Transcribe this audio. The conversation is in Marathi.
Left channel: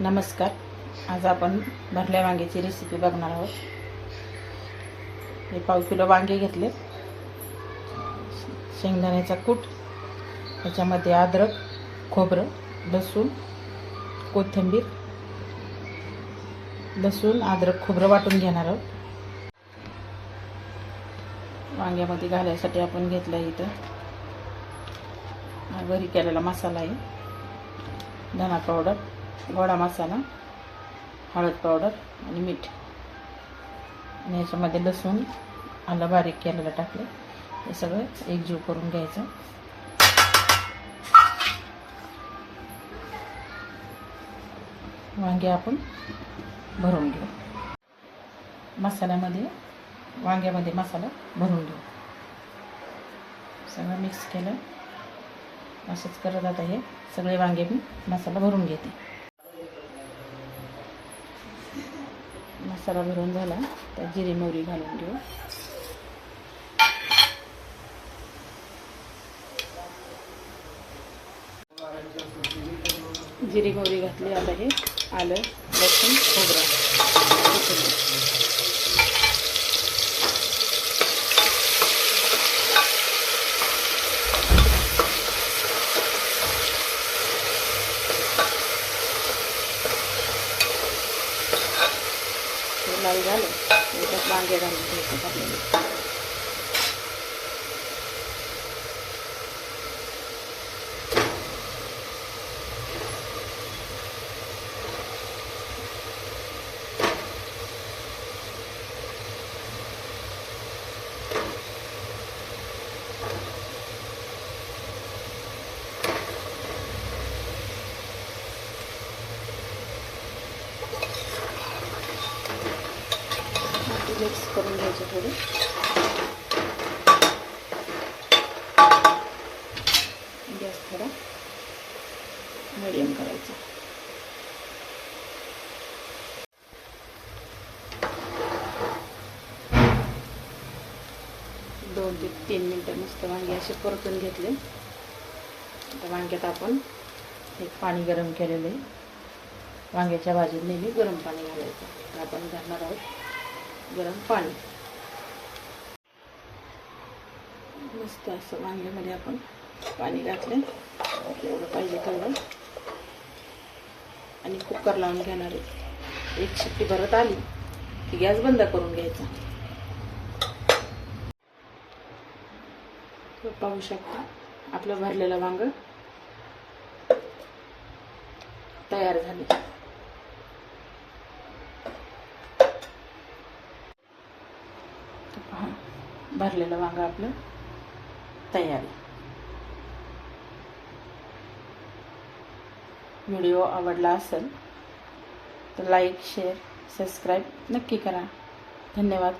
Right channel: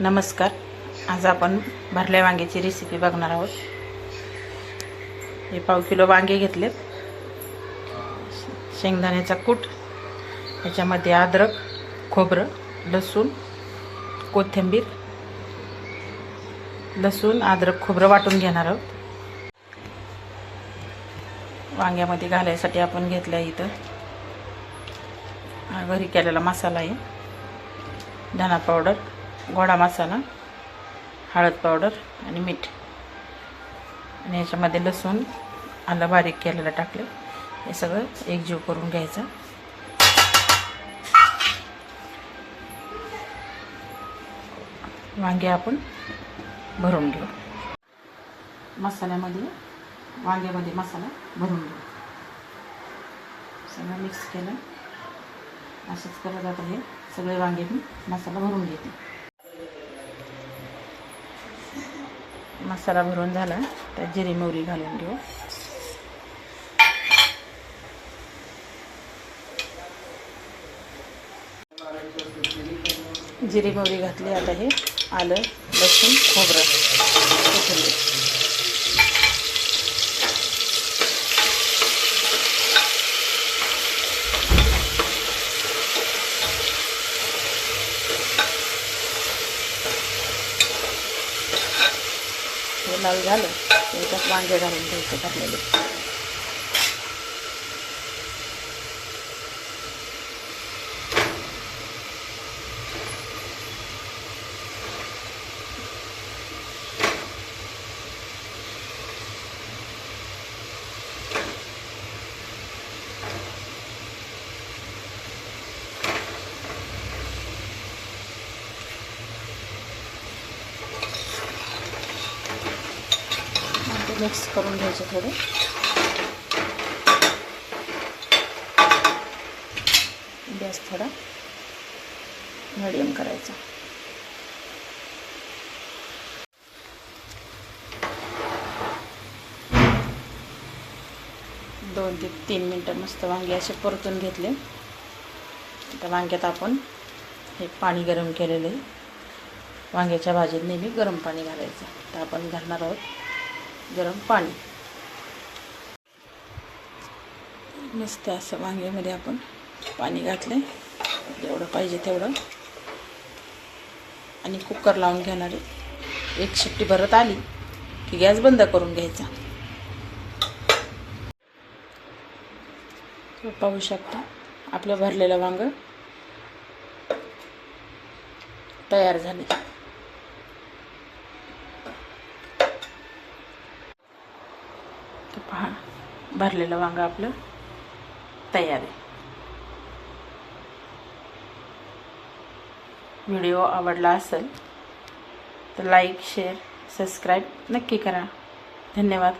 नमस्कार. आज आपण भरल्या वांग्याची रेसिपी बघणार आहोत. हे पाव किलो वांगे घेतलेत, शेंगदाण्याचा कूट, याच्यामध्ये अद्रक, खोबरं, लसूण, कोथिंबीर, लसूण अद्रक खोबरं वाटून घेणार आहोत. वांग्यामध्ये घालायसाठी आपण घेतलं इथं घरी केलेला मसाला आहे, धना पावडर, गोडा मसाला, हळद पावडर आणि मीठ. आणि याच्यामध्ये लसूण आलं बारीक केलेलं टाकले. हे सगळं एकजीव करून घ्यायचं. वांगे आपण भरून घेऊ. मसाल्यामध्ये वांग्यामध्ये मसाला भरून घेऊ. सगळं मिक्स केलं. असंच करत आता हे सगळे वांगे मी मसाला भरून घेते. मसाला भरून झाला त्यात जिरी मोहरी घालून घेऊ. जिरी मोहरी घातली. आता हे आलं, लसूण, खोबरं, कोथिंबीर. हे लाल झालं त्याच्यात वांगे घालून घ्यायचे टाकलेले. मिक्स करून घ्यायचे थोडे. गॅस थोडा मीडियम करायचा. दोन ते 3 मिनटं मस्त वांगे असे परतून घेतले. आता वांग्यात आपण हे पाणी गरम केलेलं आहे. वांग्याच्या भाजीत नेहमी गरम पाणी घालायचं. तर आपण घालणार आहोत गरम पाणी. मस्त असं वांग्यामध्ये आपण पाणी घातलं, जेवढं पाहिजे तेवढं. आणि कुकर लावून घेणार आहे. एक शिट्टी भरत आली की गॅस बंद करून घ्यायचा. पाहू शकता आपलं भरलेलं वांगं तयार झाले. पहा, भरलेलं वांगं आपलं तयार आहे. व्हिडिओ आवडला असेल तर लाईक, शेअर, सबस्क्राईब नक्की करा. धन्यवाद.